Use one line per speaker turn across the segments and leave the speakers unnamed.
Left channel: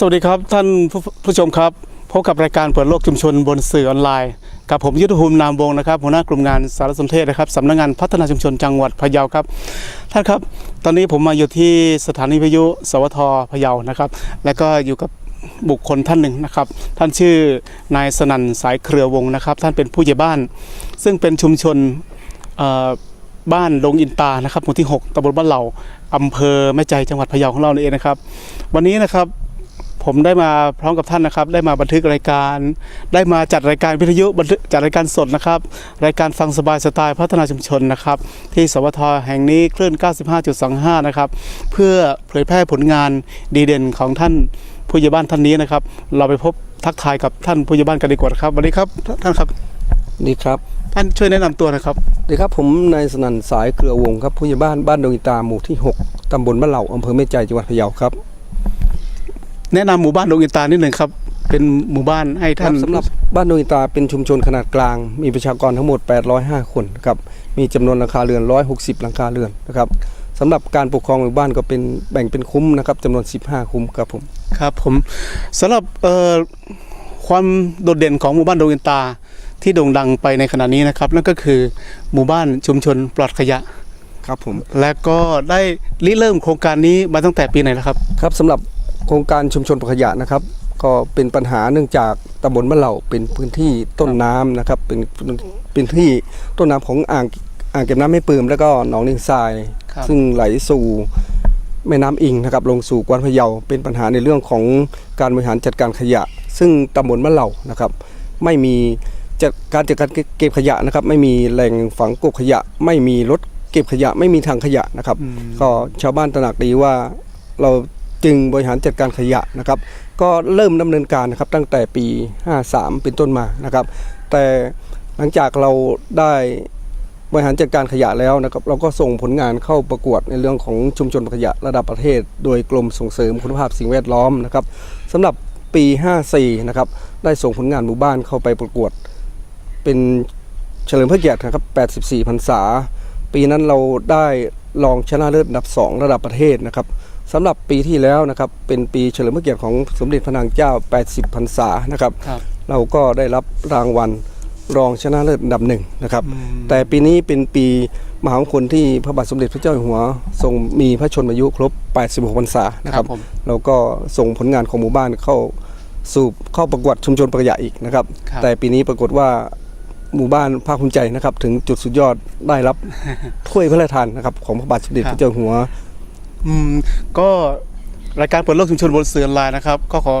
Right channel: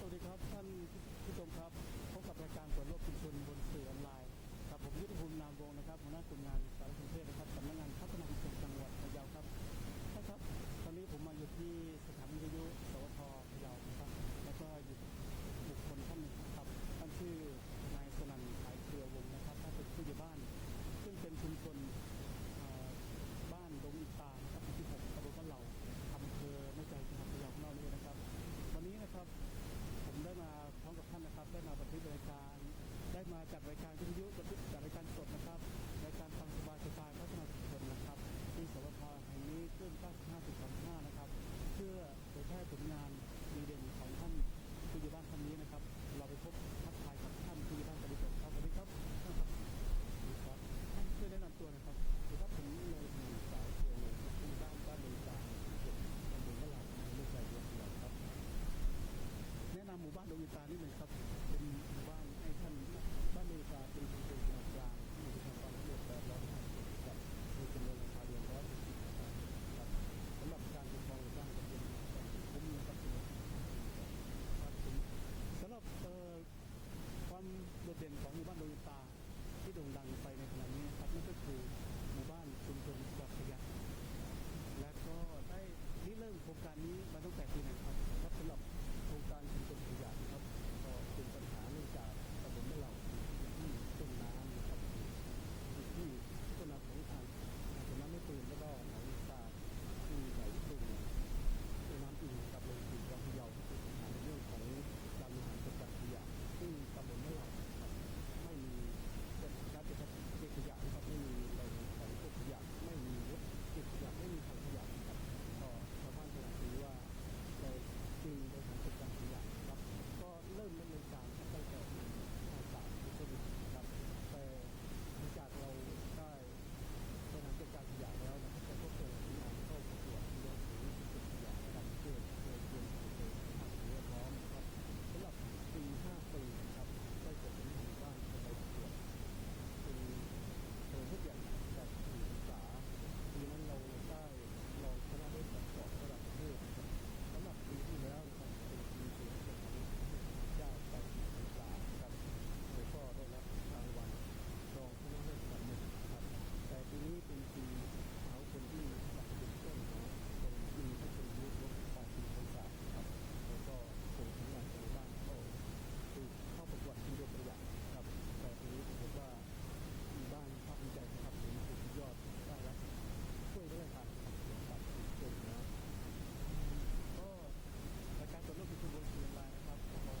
สวัสดีครับท่านผู้ผชมครับพบกับรายการเปิดโลกชุมชนบนสื่อออนไลน์ กับผมยุทธภูมินามวงศ์นะครับหัวหน้ากลุ่มงานสารสนเทศนะครับสำนักงานพัฒนาชุมชนจังหวัดพะเยาครับท่านครับ ตอนนี้ผมมาอยู่ที่สถานีวิทยุ สวทพะเยานะครับ และก็อยู่กับบุคคลท่านหนึ่งนะครับ ท่านชื่อนายสนั่นสายเครือวงศ์นะครับ ท่านเป็นผู้ใหญ่บ้าน ซึ่งเป็นชุมชนบ้านดงอินตานะครับหมู่ที่ 6ตำบลบ้านเหล่าอำเภอแม่ใจจังหวัดพะเยาของเราเองนะครับ วันนี้นะครับ ผมได้มาพร้อมกับท่านนะครับ ได้มาบันทึกรายการ ได้มาจัดรายการวิทยุบันทึกจัดรายการสดนะครับ รายการฟังสบายสไตล์พัฒนาชุมชนนะครับ ที่สวทแห่งนี้คลื่น 95.25 นะครับ เพื่อเผยแพร่ผลงานดีเด่นของท่านผู้ใหญ่บ้านท่านนี้นะครับ เราไปพบทักทายกับท่านผู้ใหญ่บ้านกันดีกว่าครับสวัสดีครับท่านครับ
ดีครับ
ท่านช่วยแนะนำตัวนะครับ
ดีครับผมนายสนั่นสายเครือวงศ์ครับผู้ใหญ่บ้านบ้านดงอิตาหมู่ที่ 6ตำบลบ้านเหล่าอำเภอแม่ใจจังหวัดพะเยาครับ
แนะนำหมู่บ้านดงอินตานิดหนึ่งครับ เป็นหมู่บ้านให้ท่าน
สำหรับบ้านดงอิตาเป็นชุมชนขนาดกลาง มีประชากรทั้งหมด 805 คนครับมีจำนวนหลังคาเรือน 160 หลังคาเรือนนะครับสำหรับการปกครองหมู่บ้านก็เป็นแบ่งเป็นคุ้มนะครับจำนวน 15 คุ้มครับผม
ครับผมสำหรับเอ่อความโดดเด่นของหมู่บ้านดงอินตาที่โด่งดังไปในขณะนี้นะครับนั่นก็คือหมู่บ้านชุมชนปลอดขยะ
ครับผม
และก็ได้ริเริ่มโครงการนี้มาตั้งแต่ปีไหนแล้วครับ
ครับสำหรับ โครงการชุมชนปลอดขยะนะครับ ก็เป็นปัญหาเนื่องจากตำบลบ้านเหล่าเป็นพื้นที่ต้นน้ำนะครับ เป็นเป็นที่ต้นน้ำของอ่างอ่างเก็บน้ำไม่ปืมแล้วก็หนองนิงทราย
ครับ
ซึ่งไหลสู่แม่น้ำอิงนะครับลงสู่กวานพะเยาเป็นปัญหาในเรื่องของการบริหารจัดการขยะ ซึ่งตำบลบ้านเหล่านะครับ ไม่มีจัดการจัดการเก็บขยะนะครับ ไม่มีแหล่งฝังกบขยะ ไม่มีรถเก็บขยะ ไม่มีทางขยะนะครับ
อืม
ก็ชาวบ้านตระหนักดีว่าเรา จึงบริหารจัดการขยะนะครับ ก็เริ่มดำเนินการนะครับตั้งแต่ปี 53 เป็นต้นมานะครับ แต่หลังจากเราได้บริหารจัดการขยะแล้วนะครับ เราก็ส่งผลงานเข้าประกวดในเรื่องของชุมชนขยะระดับประเทศ โดยกรมส่งเสริมคุณภาพสิ่งแวดล้อมนะครับสำหรับปี 54 นะครับ ได้ส่งผลงานหมู่บ้านเข้าไปประกวด เป็นเฉลิมพระเกียรตินะครับ 84 พรรษา ปีนั้นเราได้รองชนะเลิศอันดับ 2 ระดับประเทศนะครับ สำหรับปีที่แล้วนะครับเป็นปีเฉลิมพระเกียรติของสมเด็จพระนางเจ้า 80 พรรษานะครับ
ครับ
เราก็ได้รับรางวัลรองชนะเลิศอันดับหนึ่งนะครับ
อืม
แต่ปีนี้เป็นปีมหามงคลที่พระบาทสมเด็จพระเจ้าอยู่หัว ทรงมีพระชนมายุครบ 86 พรรษานะ
ค
ค
รั
รั
บบผม
เราก็ส่งผลงานของหมู่บ้านเข้าสู่เข้าประกวดชุมชนประหยัดอีกนะครับ
ครับ
แต่ปีนี้ปรากฏว่าหมู่บ้านภาคภูมิใจนะครับ ถึงจุดสุดยอดได้รับ ถ้วยพระราชทานนะครับของพระบาทสมเด็จ
ครับ
พระเจ้าอยู่หัว
อืมก็รายการเปิดโลกชุมชนบนสื่อออนไลน์นะครับ ก็ขอ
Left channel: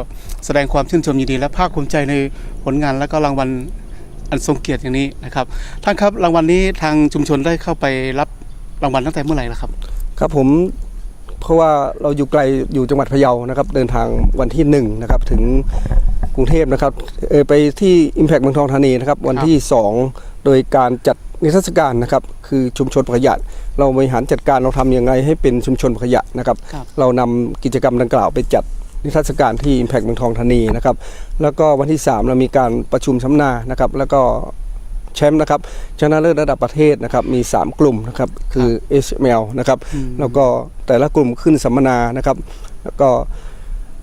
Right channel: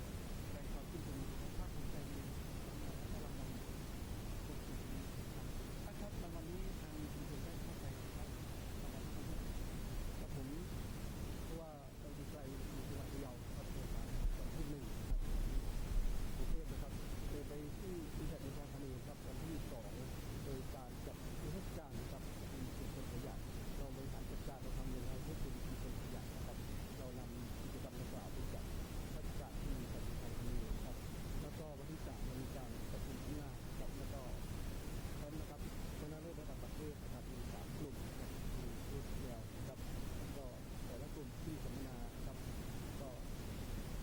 แสดงความชื่นชมยินดีและภาคภูมิใจในผลงานและก็รางวัลอันทรงเกียรติอย่างนี้นะครับท่านครับรางวัลนี้ทางชุมชนได้เข้าไปรับรางวัลตั้งแต่เมื่อไหร่แล้วครับ
ครับผมเพราะว่าเราอยู่ไกลอยู่จังหวัดพะเยานะครับเดินทางวันที่หนึ่งนะครับถึงกรุงเทพนะครับเออไปที่ Impact เมืองทองธานีนะครับวันที่ 2 โดยการจัด นิทรรศการนะครับคือชุมชนประหยัดเราบริหารจัดการเราทำยังไงให้เป็นชุมชนประหยัดนะครับ
ครับ
เรานำกิจกรรมดังกล่าวไปจัดนิทรรศการที่ Impact เมืองทองธานีนะครับแล้วก็วันที่ 3 เรามีการประชุมสัมมนานะครับแล้วก็แชมป์นะครับชนะเลิศระดับประเทศนะครับมี 3 กลุ่มนะครับคือ HML นะครับ
อืม
แล้วก็แต่ละกลุ่มขึ้นสัมมนานะครับแล้วก็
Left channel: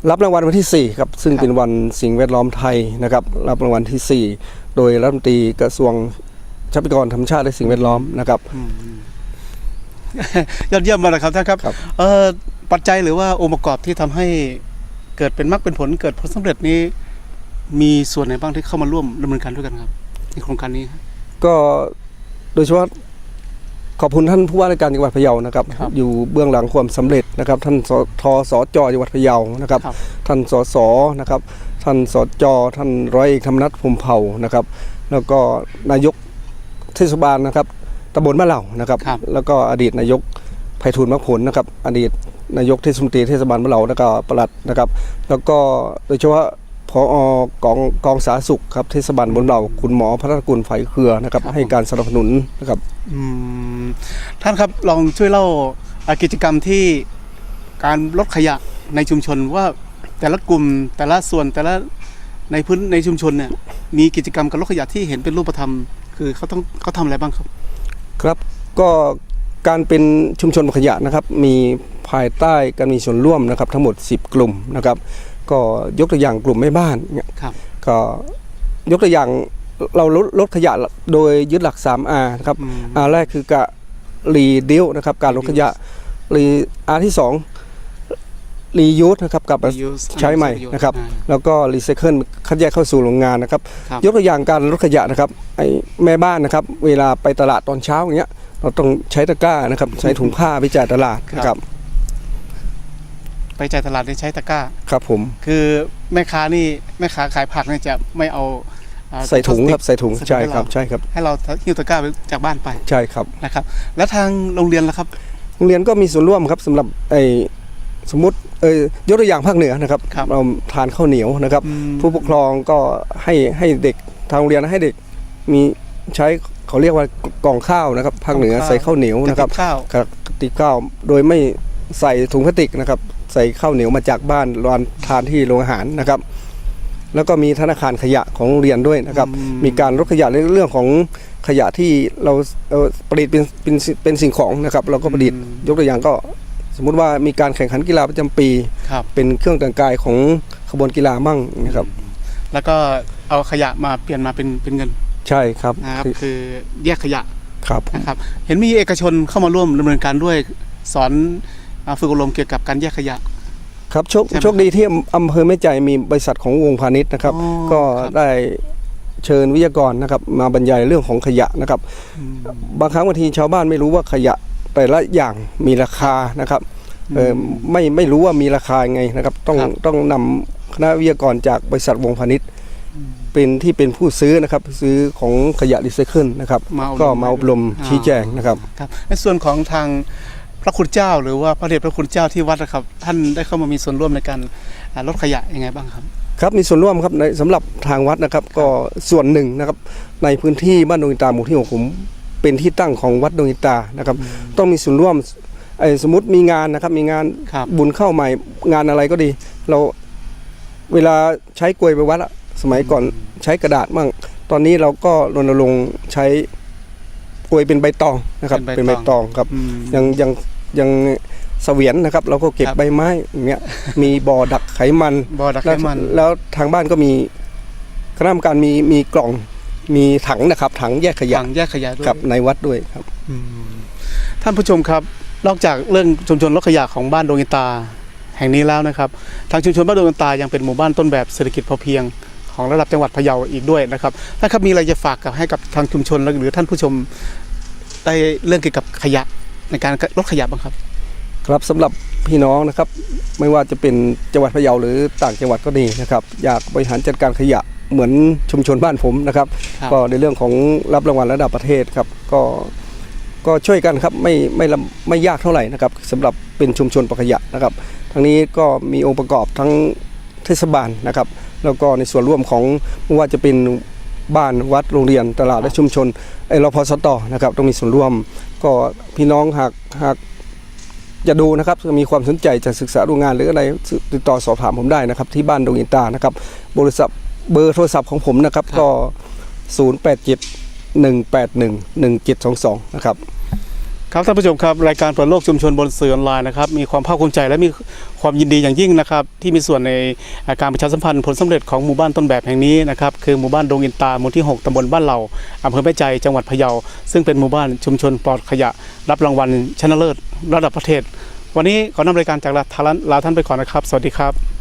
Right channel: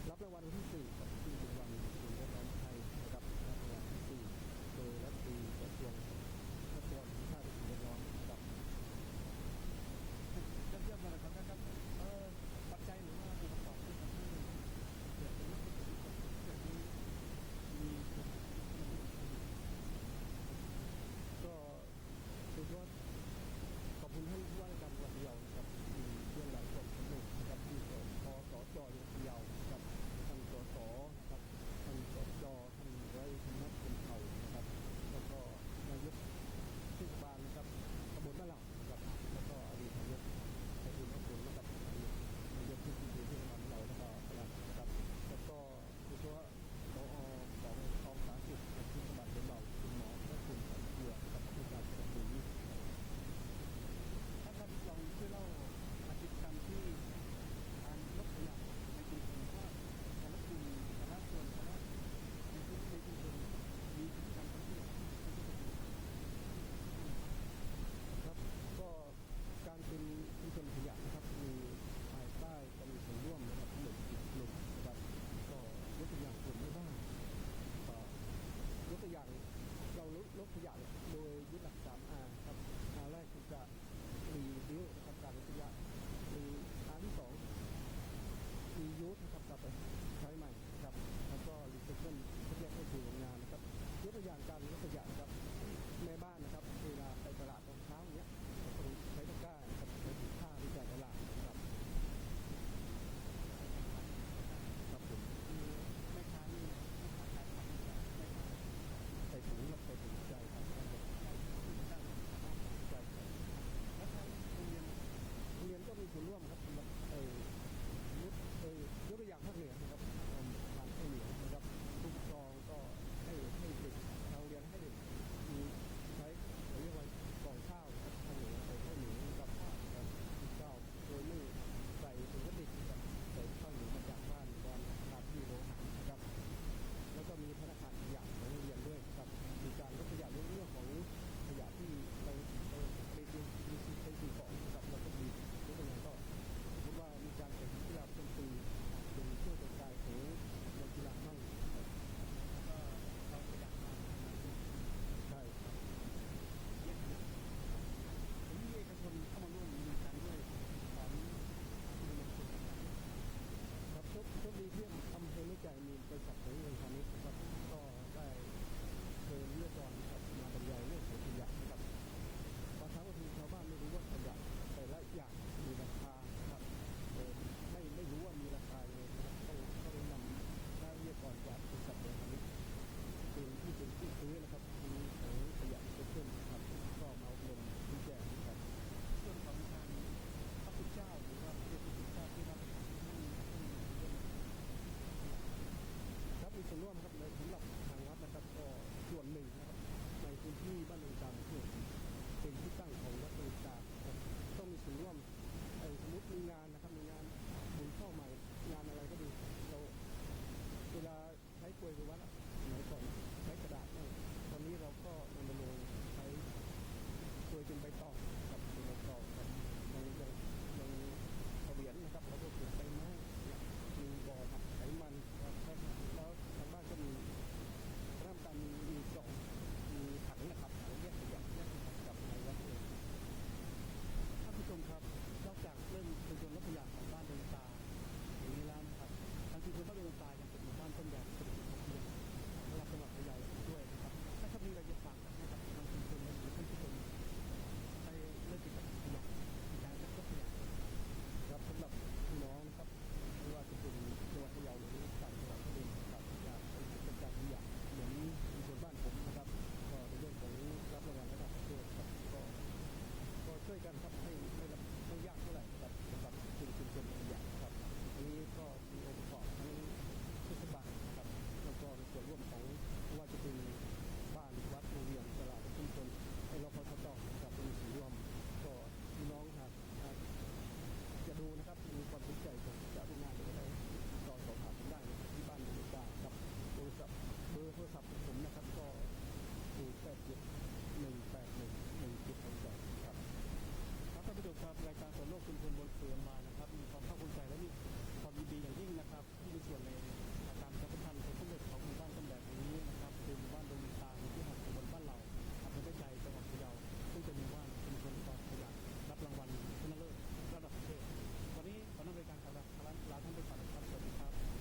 รับรางวัลวันที่4ครับซึ่งเป็นวันสิ่งแวดล้อมไทยนะครับรับรางวัลที่ 4 โดยรัฐมนตรีกระทรวง ทรัพยากรธรรมชาติและสิ่งแวดล้อมนะครับ
อืมยอดเยี่ยมมากเลยครับท่านครับ
ครับ
เอ่อปัจจัยหรือว่าองค์ประกอบที่ทำให้เกิดเป็นมรรคเป็นผลเกิดผลสำเร็จนี้ มีส่วนไหนบ้างที่เข้ามาร่วมดำเนินการด้วยกันครับในโครงการนี้ครับ
ก็โดยเฉพาะขอบคุณท่านผู้ว่าราชการจังหวัดพะเยานะครับ
ครับ
อยู่เบื้องหลังความสำเร็จนะครับ ท่านสทสจจังหวัดพะเยานะครับ
ครับ
ท่านสสนะครับ ท่านสจท่านร้อยเอกธรรมนัฐพรหมเผ่านะครับ แล้วก็นายก เทศบาลนะครับตำบลมะเหล่านะครับ
ครับ
แล้วก็อดีตนายกไพฑูรย์มรรคผลนะครับ อดีตนายกเทศมนตรีเทศบาลมะเหล่าแล้วก็ปลัดนะครับ แล้วก็โดยเฉพาะพอกองกองสาธารณสุขครับเทศบาลบนเหล่าคุณหมอพัฒนกุลไฝเครือนะครับ
ครับ
ให้การสนับสนุนนะครับ
อืมท่านครับลองช่วยเล่าอ่ากิจกรรมที่การลดขยะในชุมชนว่าแต่ละกลุ่มแต่ละส่วนแต่ละในพื้นในชุมชนเนี่ยมีกิจกรรมการลดขยะที่เห็นเป็นรูปธรรม คือเขาต้องเขาทำอะไรบ้างครับ
ครับก็การเป็นชุมชนขยะนะครับ มีภายใต้การมีส่วนร่วมนะครับ ทั้งหมด 10 กลุ่มนะครับ ก็ยกตัวอย่างกลุ่มแม่บ้านเนี่ย
ครับ
ก็ยกตัวอย่างเราลดลดขยะโดยยึดหลัก 3R นะครับ
อืม
อาแรกคือกะรีดิวนะครับ การลดขยะรีอาที่สอง รียูสนะครับกับ
Reuse
ใช้ใหม่นะครับ
อ่า
แล้วก็รีไซเคิลคัดแยกเข้าสู่โรงงานนะครับ
ครับ
ยกตัวอย่างการลดขยะนะครับไอ้แม่บ้านนะครับ เวลาไปตลาดตอนเช้าอย่างเงี้ย เราต้องใช้ตะกร้านะครับ ใช้ถุงผ้าไปจ่ายตลาดนะครับ
ไปจ่ายตลาดได้ใช้ตะกร้า
ครับผม
คือแม่ค้านี่แม่ค้าขายผักเนี่ยจะไม่เอาอ่า
ใส่ถุงครับใส่ถุง
ใส่ถุง
ใช่
ให้
ครับ
เรา
ใช่ครับ
ให้เราหิ้วตะกร้าไปจากบ้านไป
ใช่ครับ
นะครับ แล้วทางโรงเรียนล่ะครับ
โรงเรียนก็มีส่วนร่วมครับสำหรับไอ้ สมมติเอยยกตัวอย่างภาคเหนือนะครับ
ครับ
เราทานข้าวเหนียวนะครับ
อืม
ผู้ปกครองก็ให้ให้เด็กทางโรงเรียนให้เด็กมีใช้เขาเรียกว่ากล่องข้าวนะครับภาคเหนือก
ล่องข้าว
ใส่ข้าวเหนียวนะครับ
กติกข้าว
กระติกข้าวโดยไม่ใส่ถุงพลาสติกนะครับ ใส่ข้าวเหนียวมาจากบ้านรานทานที่โรงอาหารนะครับ แล้วก็มีธนาคารขยะของโรงเรียนด้วยนะครับ
อืม
มีการลดขยะในเรื่องของขยะที่เราเราประดิษฐ์เป็นเป็นเป็นสิ่งของนะครับ เราก็ประดิษฐ์ยกตัวอย่างก็ สมมุติว่ามีการแข่งขันกีฬาประจำปี
ครับ
เป็นเครื่องแต่งกายของขบวนกีฬามั่งนะครับ
แล้วก็เอาขยะมาเปลี่ยนมาเป็นเป็นเงิน
ใช่ครับ
นะครับ คือแยกขยะ
ครับผม
นะครับ เห็นมีเอกชนเข้ามาร่วมดำเนินการด้วยสอนอ่าฝึกอบรมเกี่ยวกับการแยกขยะ
ครับโชค
ใช่ไหม
โชคดีที่อำเภอแม่ใจมีบริษัทของวงพาณิชย์นะครับ
อ๋อ
ก็
ครับ
ได้เชิญวิทยากรนะครับ มาบรรยายเรื่องของขยะนะครับ
อืม
บางครั้งบางทีชาวบ้านไม่รู้ว่าขยะ แต่ละอย่างมีราคานะครับเออไม่ไม่รู้ว่ามีราคายังไงนะครับต้อง
ครับ
ต้องนำคณะวิทยากรจากบริษัทวงพาณิชย์เป็นที่เป็นผู้ซื้อนะครับซื้อของขยะรีไซเคิลนะครับ
มาอบรม
ก็มาอบรม
อ่า
ชี้แจงนะครับ
ครับในส่วนของทางพระคุณเจ้า หรือว่าพระเดชพระคุณเจ้าที่วัดนะครับ ท่านได้เข้ามามีส่วนร่วมในการอ่าลดขยะยังไงบ้างครับ
ครับมีส่วนร่วมครับในสำหรับทางวัดนะครับ ก็ส่วนหนึ่งนะครับในพื้นที่บ้านดงอินตาหมู่ที่หกผม เป็นที่ตั้งของวัดดงอินตานะครับ ต้องมีส่วนร่วมไอ้สมมติมีงานนะครับ มีงาน
ครับ
บุญเข้าใหม่งานอะไรก็ดี เราเวลาใช้กลวยไปวัดอะสมัยก่อนใช้กระดาษมั่งตอนนี้เราก็รณรงค์ใช้กลวยเป็นใบตองนะครับ
เป็
เป็นน
ใบ
ใบ
ต
ต
อ
องงครับ
อืม
ยังยังยังเสวียนนะครับ เราก็เก็บ
ครับ
ใบไม้อย่างเงี้ยมีบ่อดักไขมัน
บ่อดักไข
แล้ว
มัน
แล้วทางบ้านก็มีคณะกรรมการมีมีกล่อง มีถังนะครับ ถังแยกขยะ
ถังแยกขยะด้วย
ครับในวัดด้วยครับ
อืมท่านผู้ชมครับ นอกจากเรื่องชุมชนลดขยะของบ้านดงอินตาแห่งนี้แล้วนะครับ ทางชุมชนบ้านดงอินตายังเป็นหมู่บ้านต้นแบบเศรษฐกิจพอเพียงของระดับจังหวัดพะเยาอีกด้วยนะครับท่านครับมีอะไรจะฝากกับให้กับทางชุมชนหรือท่านผู้ชมได้เรื่องเกี่ยวกับขยะในการลดขยะบ้างครับ
ครับสำหรับพี่น้องนะครับ ไม่ว่าจะเป็นจังหวัดพะเยาหรือต่างจังหวัดก็ดีนะครับ อยากบริหารจัดการขยะ เหมือนชุมชนบ้านผมนะครับ
ครับ
ก็ในเรื่องของรับรางวัลระดับประเทศครับ ก็ก็ช่วยกันครับไม่ไม่ลำไม่ยากเท่าไหร่นะครับสำหรับเป็นชุมชนประขยะนะครับ ทั้งนี้ก็มีองค์ประกอบทั้งเทศบาลนะครับ แล้วก็ในส่วนร่วมของไม่ว่าจะเป็นบ้านวัดโรงเรียนตลาดและชุมชนไอรพสตนะครับต้องมีส่วนร่วม ก็พี่น้องหากหากจะดูนะครับมีความสนใจจะศึกษาดูงานหรืออะไรติดต่อสอบถามผมได้นะครับ ที่บ้านดงอินตานะครับ บริษัท เบอร์โทรศัพท์ของผมนะครับ
ครับ
ก็ 087 181 1722 นะครับ
ครับท่านผู้ชมครับรายการเปิดโลกชุมชนบนสื่อออนไลน์นะครับมีความภาคภูมิใจและมีความยินดีอย่างยิ่งนะครับที่มีส่วนในการประชาสัมพันธ์ผลสำเร็จของหมู่บ้านต้นแบบแห่งนี้นะครับคือหมู่บ้านดงอินตาหมู่ที่ 6ตำบลบ้านเหล่าอำเภอแม่ใจจังหวัดพะเยา ซึ่งเป็นหมู่บ้านชุมชนปลอดขยะ รับรางวัลชนะเลิศระดับประเทศ วันนี้ขอนำรายการจากลาทารันลาท่านไปก่อนนะครับ สวัสดีครับ